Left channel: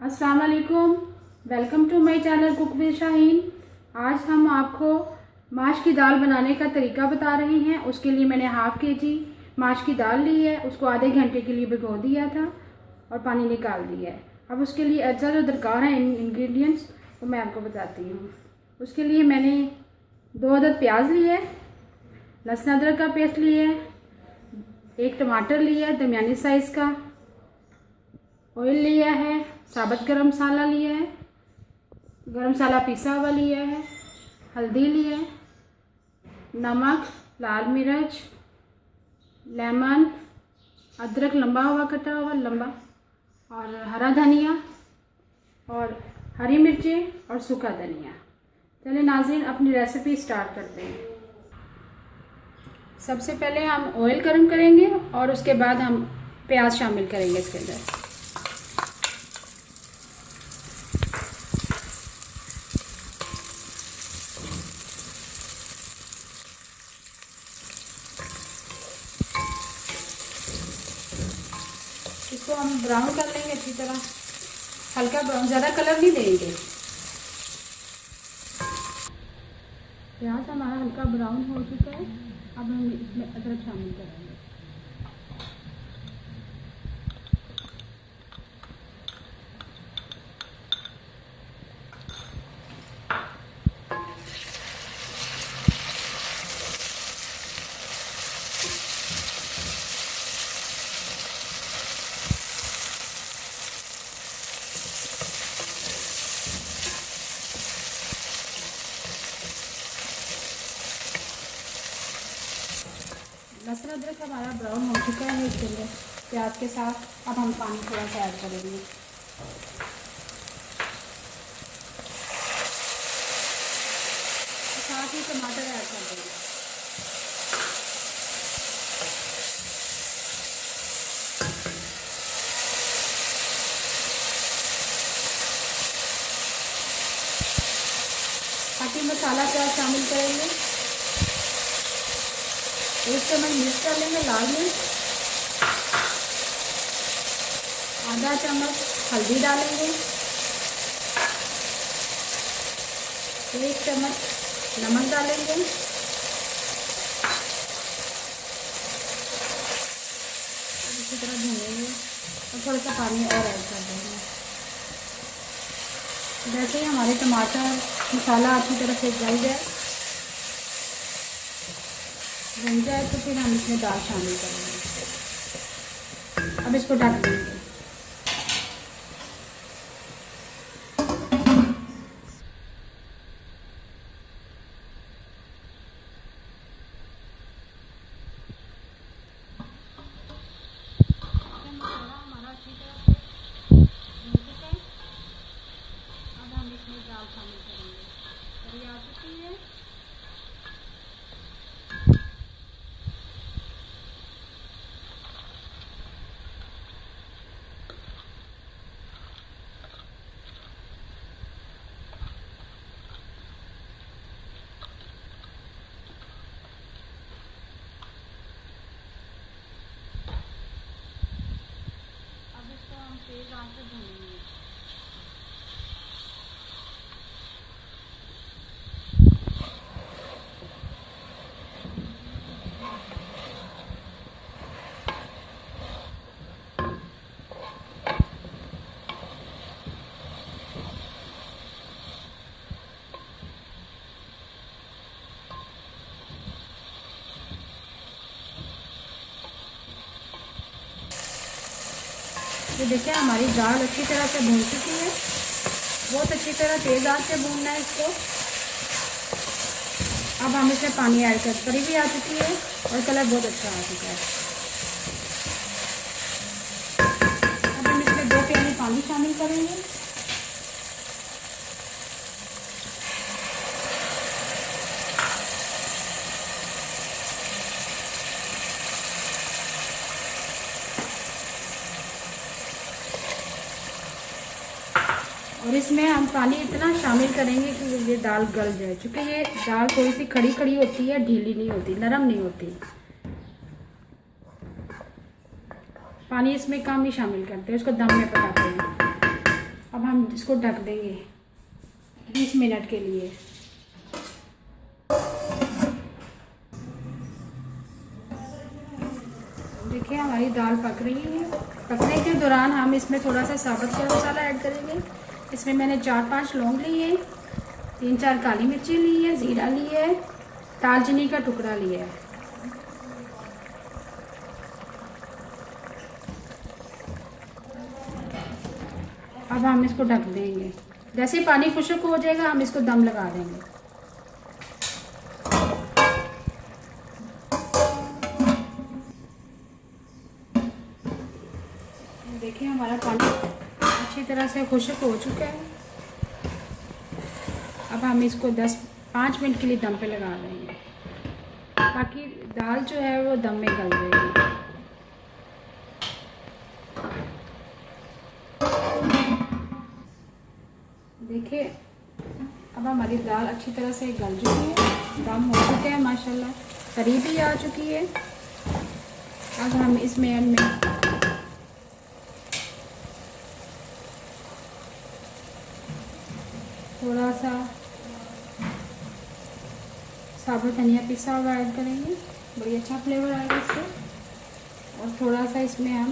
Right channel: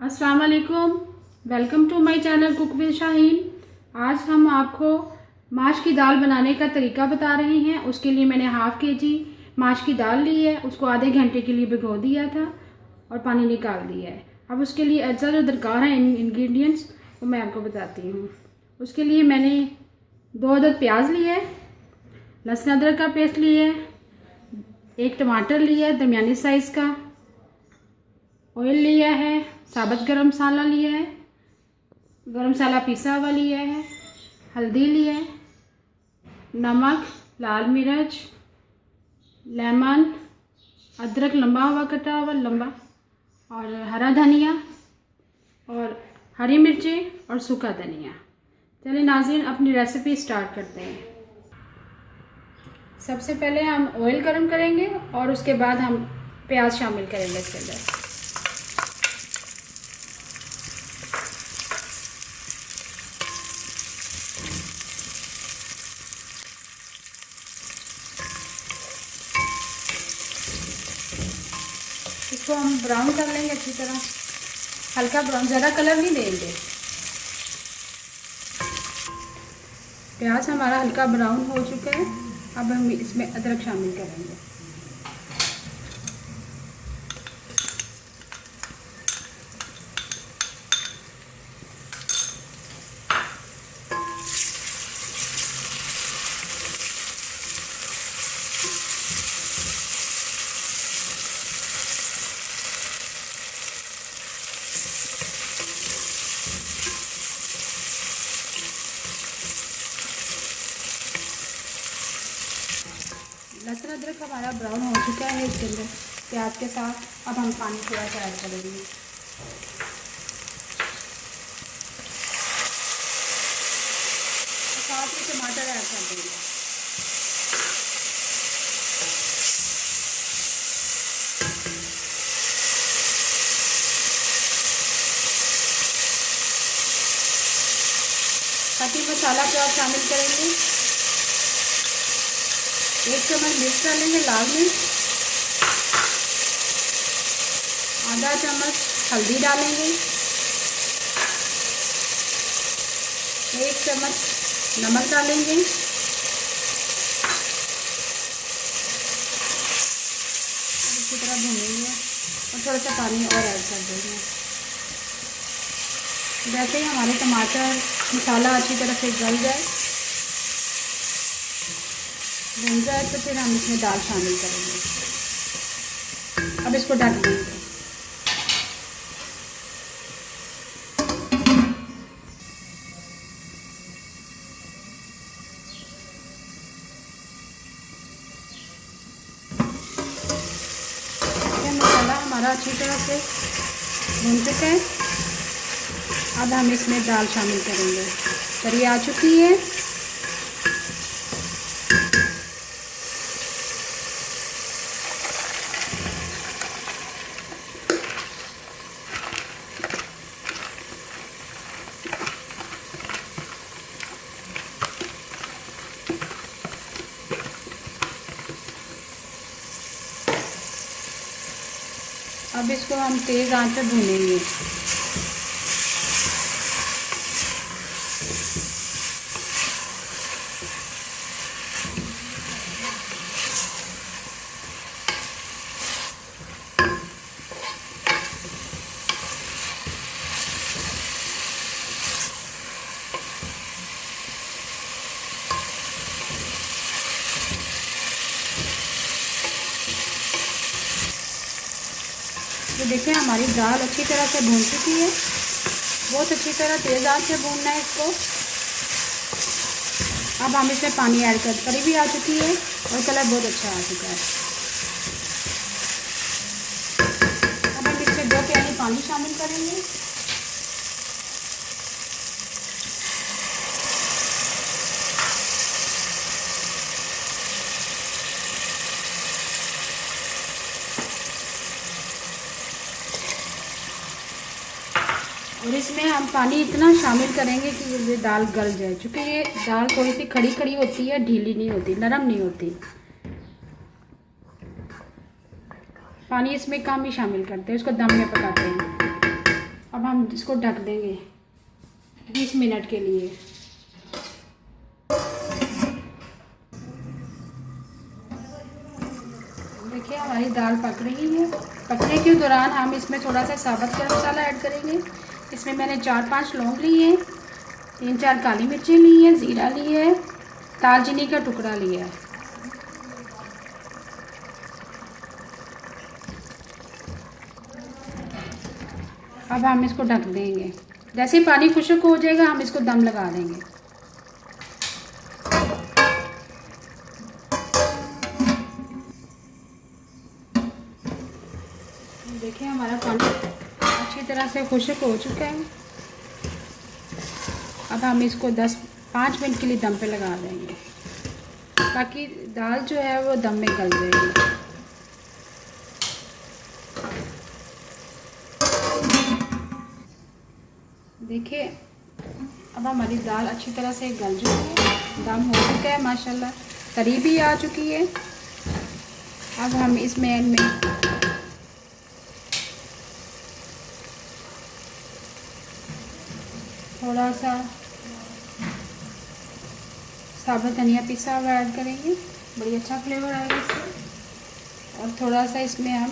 अस्सलाम वालेकुम। Welcome to my channel cook with Shaheen. आज हम आपको माश की दाल बनाने का तरीका बता रहे हैं। उसके लिए मैंने हाफ़ केजी माश की दाल ली है। उसको आधे घंटे के लिए भिगो दिया था और पानी निकाल दिया है। अब उसके लिए अज्जा जो दरकार है इंग्रेडिएंट्स वो मैं आपको बताती हूँ। उसके लिए मैंने 2 अदद प्याज लिए है, लहसुन अदरक का पेस्ट लिया है, 1 टमाटर लिया है दरमियानी साइज़ का, ऑयल लिया है, साबुत गरम मसाला लिया है, गरम मसाला पिसा हुआ लिया है, हल्दी लिया है, नमक, लाल मिर्च, लेमन, अदरक लंबा हुआ कटा हुआ लंबा, और हरा धनिया और हरी मिर्चें और सूखा धनिया। चलिए नाज़रीन अपनी रेसिपी स्टार्ट करते हैं। सबसे पहले हम ऑयल गरम करेंगे और उसके बाद हम प्याज शामिल करेंगे इसके अंदर। इसको हम ब्राउन कर लेंगे अच्छी तरह, हल्का ब्राउन, ज़्यादा कलर नहीं देंगे। प्याज हमारा हल्का ब्राउन हो चुका है। अब हम इसमें अदरक शामिल करेंगे। लहसुन अदरक हमारा ब्राउन हो चुका है। इसके अंदर प्याज के साथ अब हम पानी थोड़ा सा ऐड करेंगे। साथ ही टमाटर ऐड कर देंगे। ताकि मसाला प्याज शामिल करेंगे। 1 चम्मच मिर्च डालेंगे, लाल मिर्च, आधा चम्मच हल्दी डालेंगे, 1 चम्मच नमक डालेंगे, इसी तरह भूनेंगे और थोड़ा सा पानी और ऐड कर देंगे। जैसे हमारे टमाटर मसाला अच्छी तरह से गल जाए, भून जाए, तो फिर हम इसमें दाल शामिल करेंगे। अब इसको ढक देंगे। मसाला हमारा अच्छी तरह से भून चुका है। अब हम इसमें दाल शामिल करेंगे। तरी आ चुकी है। अब इसको हम तेज़ आंच पर भूनेंगे। तो देखिए हमारी दाल अच्छी तरह से भून चुकी है। बहुत अच्छी तरह तेज़ आंच से भूनना है इसको। अब हम इसमें पानी ऐड कर, करी भी आ चुकी है और कलर बहुत अच्छा आ चुका है। अब हम इसमें 2 प्याली पानी शामिल करेंगे। और इसमें हम पानी इतना शामिल करेंगे कि ये दाल गल जाए, क्योंकि ये दाल थोड़ी सी खड़ी खड़ी होती है, ढीली नहीं होती, नरम नहीं होती। पानी इसमें कम ही शामिल करते हैं, उसको दम में पकाते हैं। हम इसको ढक देंगे 20 मिनट के लिए। देखिए हमारी दाल पक रही है। पकने के दौरान हम इसमें थोड़ा सा साबुत गरम मसाला ऐड करेंगे। इसमें मैंने 4-5 लौंग लिए हैं, 3-4 काली मिर्चें ली हैं, ज़ीरा लिया है, दालचीनी का टुकड़ा लिया है। अब हम इसको ढक देंगे। जैसे पानी खुश्क हो जाएगा हम इसको दम लगा देंगे। देखिए हमारा पानी अच्छी तरह से खुश्क हो चुका है। अब हम इसको 5 मिनट के लिए दम पे लगा देंगे ताकि दाल जो है वो दम में गल जाएगी। देखिए अब हमारी दाल अच्छी तरह से गल चुकी है, दम हो चुका है माशाल्लाह, करीब ही आ चुकी है। अब हम इसमें थोड़ा सा साबुत धनिया पिसा हुआ ऐड करेंगे, बड़ी अच्छा फ्लेवर आएगा इससे। और थोड़ा सा इसमें हम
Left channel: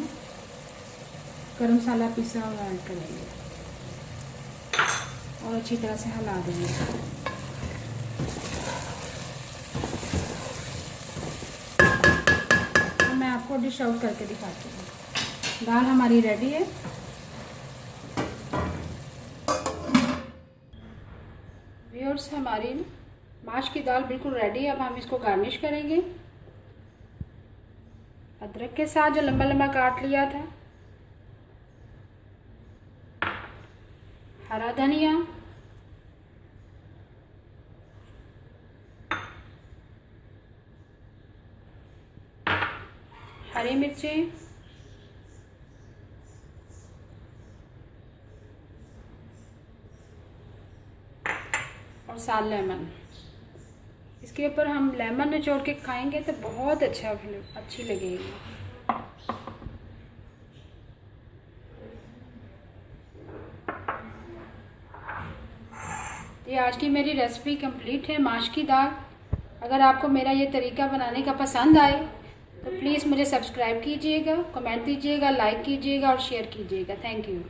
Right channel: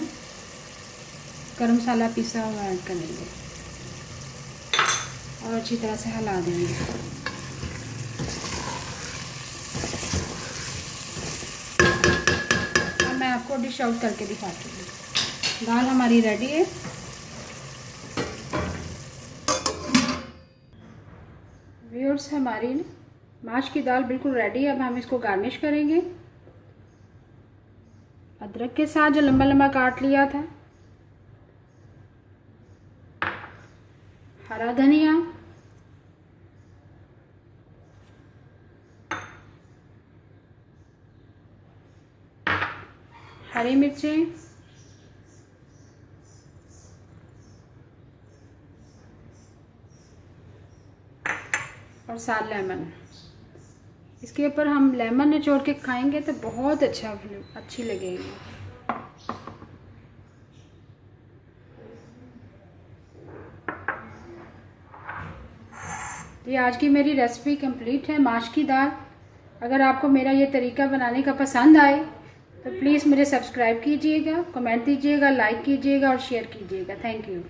गरम मसाला पिसा हुआ ऐड करेंगे और अच्छी तरह से हिला देंगे। तो मैं आपको डिश आउट करके दिखाती हूँ। दाल हमारी रेडी है। व्यूअर्स हमारी माश की दाल बिल्कुल रेडी है। अब हम इसको गार्निश करेंगे अदरक के साथ जो लंबा लंबा काट लिया था, हरा धनिया, हरी मिर्चें, और साथ लेमन। इसके ऊपर हम लेमन निचोड़ के खाएंगे तो बहुत अच्छी लगेगी। ये आज की मेरी रेसिपी कंप्लीट है, माश की दाल। अगर आपको मेरा ये तरीका बनाने का पसंद आए तो प्लीज़ मुझे सब्सक्राइब कीजिएगा, कमेंट दीजिएगा, लाइक कीजिएगा और शेयर कीजिएगा। Thank you.